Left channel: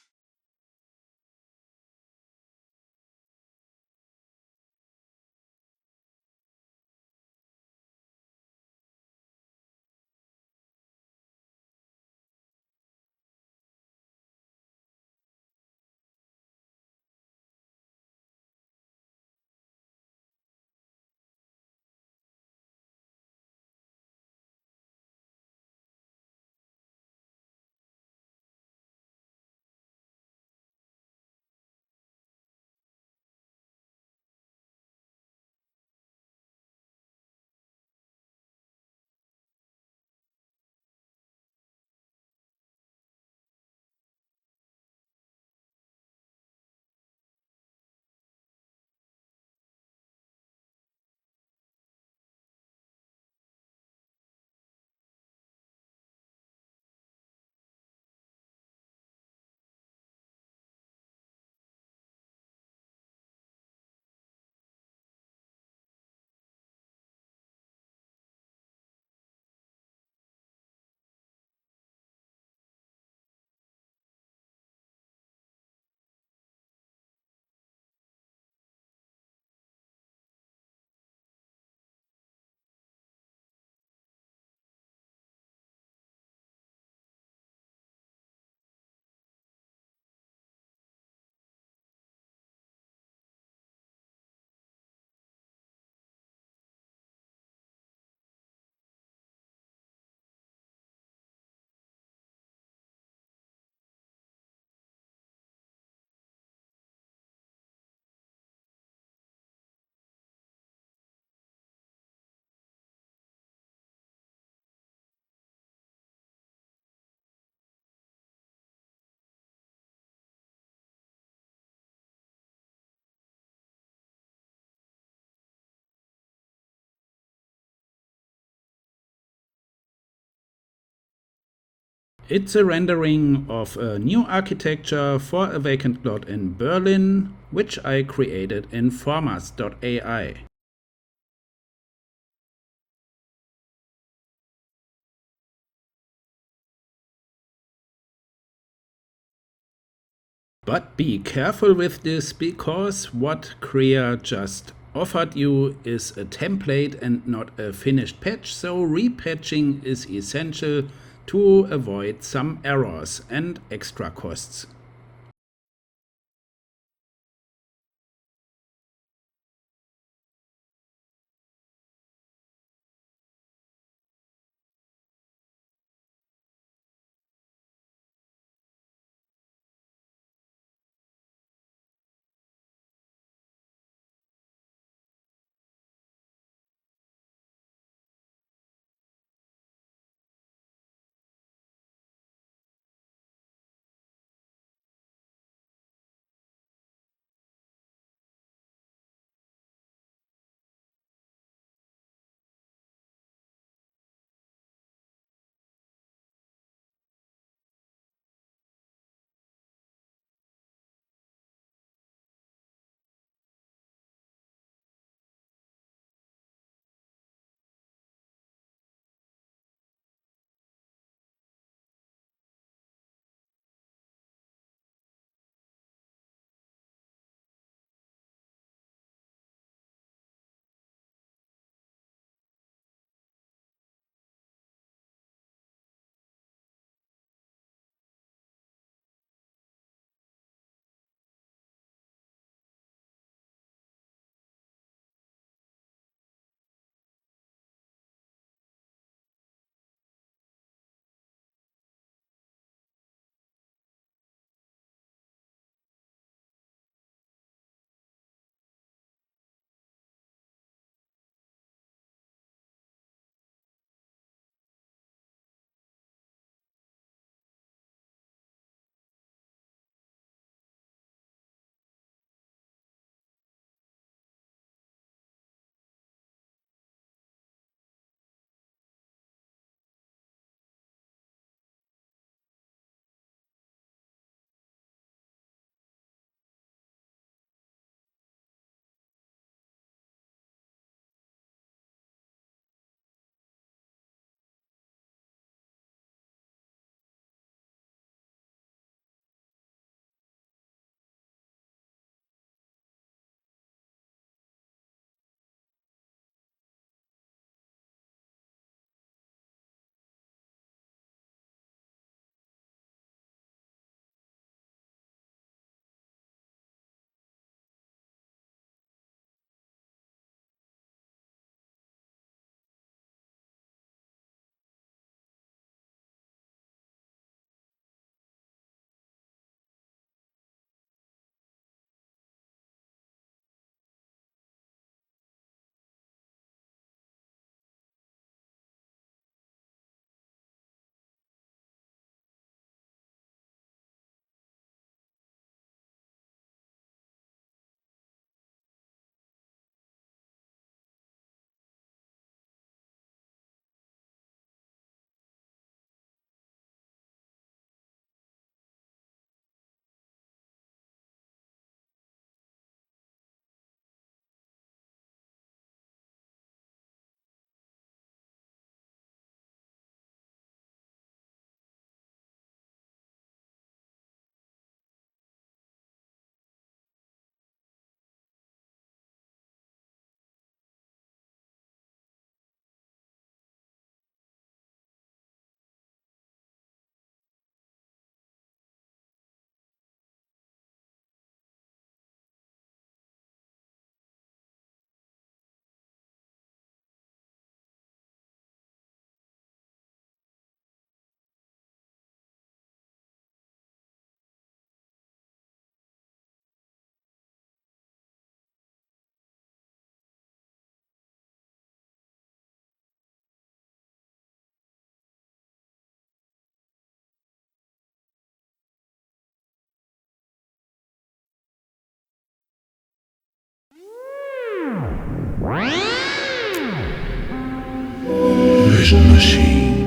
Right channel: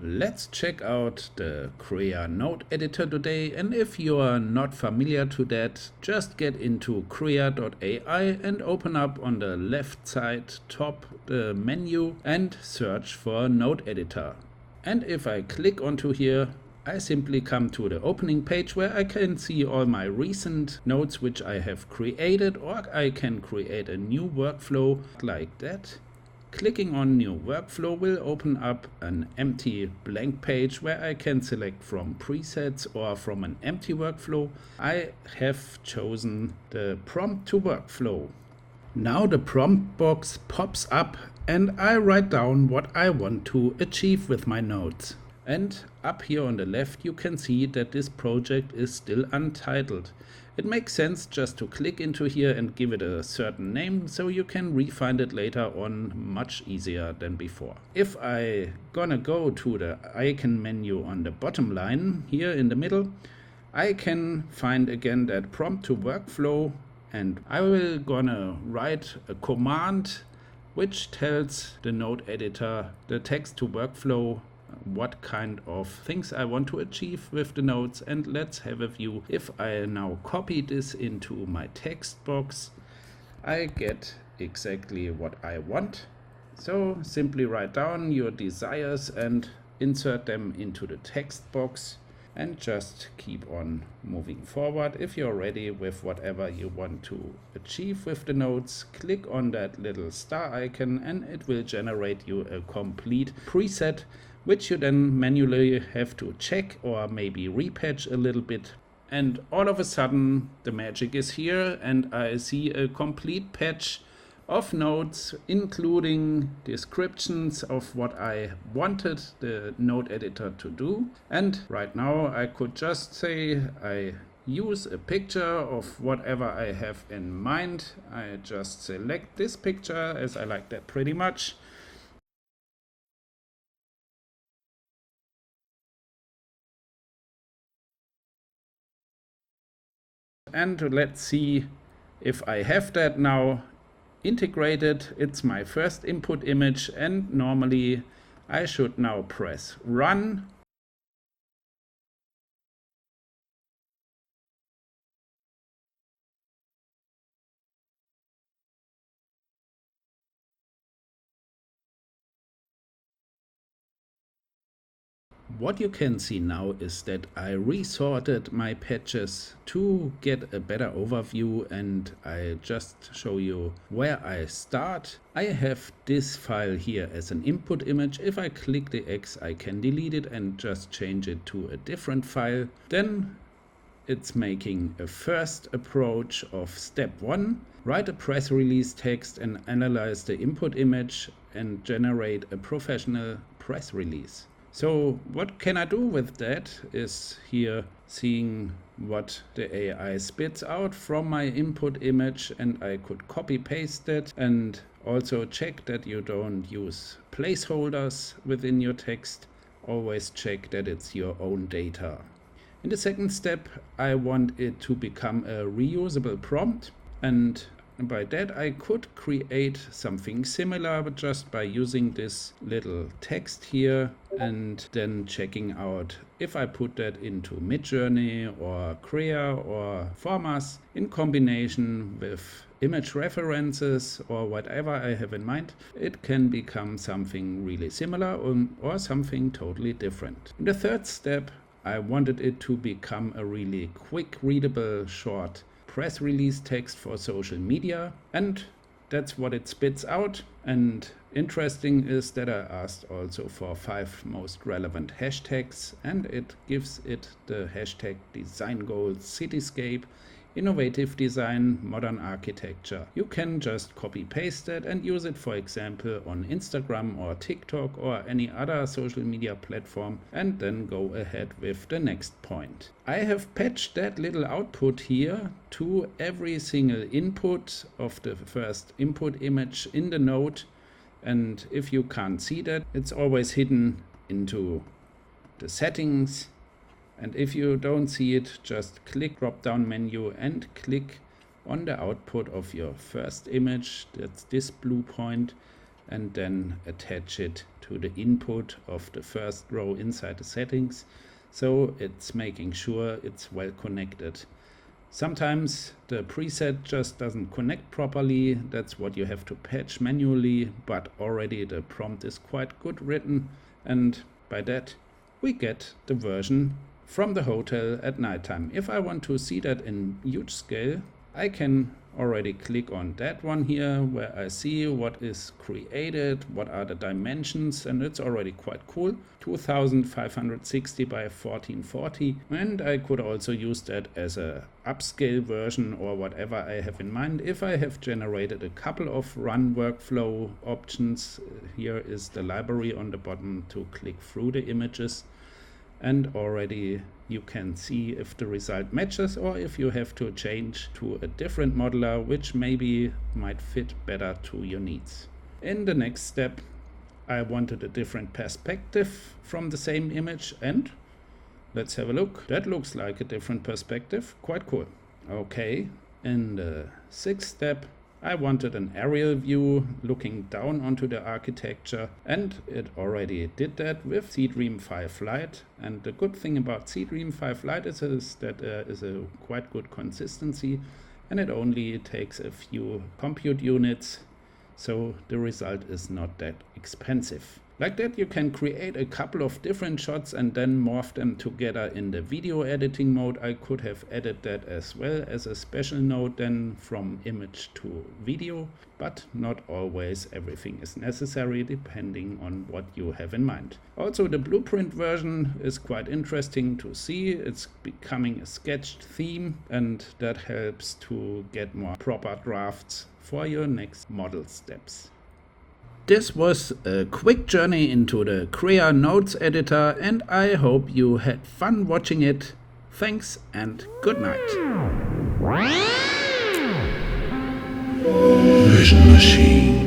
Let's check out the Krea Node editor today, and if you are not familiar to that, just get into Krea.ai and open up on the left side top the menu and search for Node editor. And if I click onto here, I simply come to the opening page where I can see all my recent nodes which I have created, or I can create a new workflow like that. Clicking on new workflow will open up an empty blank page where I can select from presets or from an empty workflow. I have chosen the prompt to workflow. Now the prompt box pops up and I write down what I want to achieve with my nodes. And up here on the left you can see that this project is still untitled. It makes sense just to click into here and give it a certain name so you can refine it later on much easier than before. If I gonna go to the icon menu on the bottom line here in the middle, I can find again that prompt to workflow, and I will gonna write a command which tells the node editor the text to workflow what kind of things I want to achieve with the nodes. And let's have a view. If I now copy this into my text box, I get exactly what I want. So simply write down your desires and insert them into the text box and just keep on moving forward. If you're ready with whatever you want to achieve with the nodes, click on that little star icon and it will generate you a complete preset, which you then manually have to check or maybe repatch a little bit. And all of a sudden the magic is here and I see a complete patch of nodes, including descriptions of what I wanted the node editor to do. And right now I could just say I use a picture of whatever I have in mind. I just select this picture as I like that pretty much. It's a rendering of a new architecture for a vacant lot in Berlin, which I created in formas.ai. And let's see if I have that now integrated. It's my first input image and normally I should now press run. But be careful with this, because what Krea just offered you is a template and not a finished patch, so repatching is essential to avoid some errors and extra costs. What you can see now is that I resorted my patches to get a better overview, and I just show you where I start. I have this file here as an input image. If I click the X, I can delete it and just change it to a different file. Then it's making a first approach of step 1. Write a press release text and analyze the input image and generate a professional press release. So what can I do with that is here seeing what the AI spits out from my input image, and I could copy paste that and also check that you don't use placeholders within your text. Always check that it's your own data. In the second step, I want it to become a reusable prompt, and by that I could create something similar, but just by using this little text here and then checking out if I put that into Midjourney or Krea or Formas in combination with image references or whatever I have in mind, it can become something really similar or something totally different. In the third step, I wanted it to become a really quick, readable, short press release text for social media, and that's what it spits out. And interesting is that I asked also for 5 most relevant hashtags, and it gives it the hashtag design goals, cityscape, innovative design, modern architecture. You can just copy paste that and use it, for example, on Instagram or TikTok or any other social media platform, and then go ahead with the next point. I have patched that little output here to every single input of the first input image in the node, and if you can't see that, it's always hidden into the settings. And if you don't see it, just click drop down menu and click on the output of your first image. That's this blue point, and then attach it to the input of the first row inside the settings. So it's making sure it's well connected. Sometimes the preset just doesn't connect properly. That's what you have to patch manually, but already the prompt is quite good written, and by that we get the version from the hotel at nighttime. If I want to see that in huge scale, I can already click on that one here where I see what is created, what are the dimensions, and it's already quite cool. 2560 by 1440, and I could also use that as a upscale version or whatever I have in mind. If I have generated a couple of run workflow options, here is the library on the bottom to click through the images, and already you can see if the result matches or if you have to change to a different modeler which maybe might fit better to your needs. In the next step, I wanted a different perspective from the same image, and let's have a look. That looks like a different perspective. Quite cool. Okay, in the sixth step, I wanted an aerial view looking down onto the architecture, and it already did that with Seedream 5 Lite. And the good thing about Seedream 5 Lite is that there is a quite good consistency, and it only takes a few compute units, so the result is not that expensive. Like that, you can create a couple of different shots and then morph them together in the video editing mode. I could have added that as well as a special node then from image to video, but not always everything is necessary depending on what you have in mind. Also, the blueprint version is quite interesting to see. It's becoming a sketched theme, and that helps to get more proper drafts for your next model steps. This was a quick journey into the Krea Nodes editor, and I hope you had fun watching it. Thanks and good night. Vision Machine.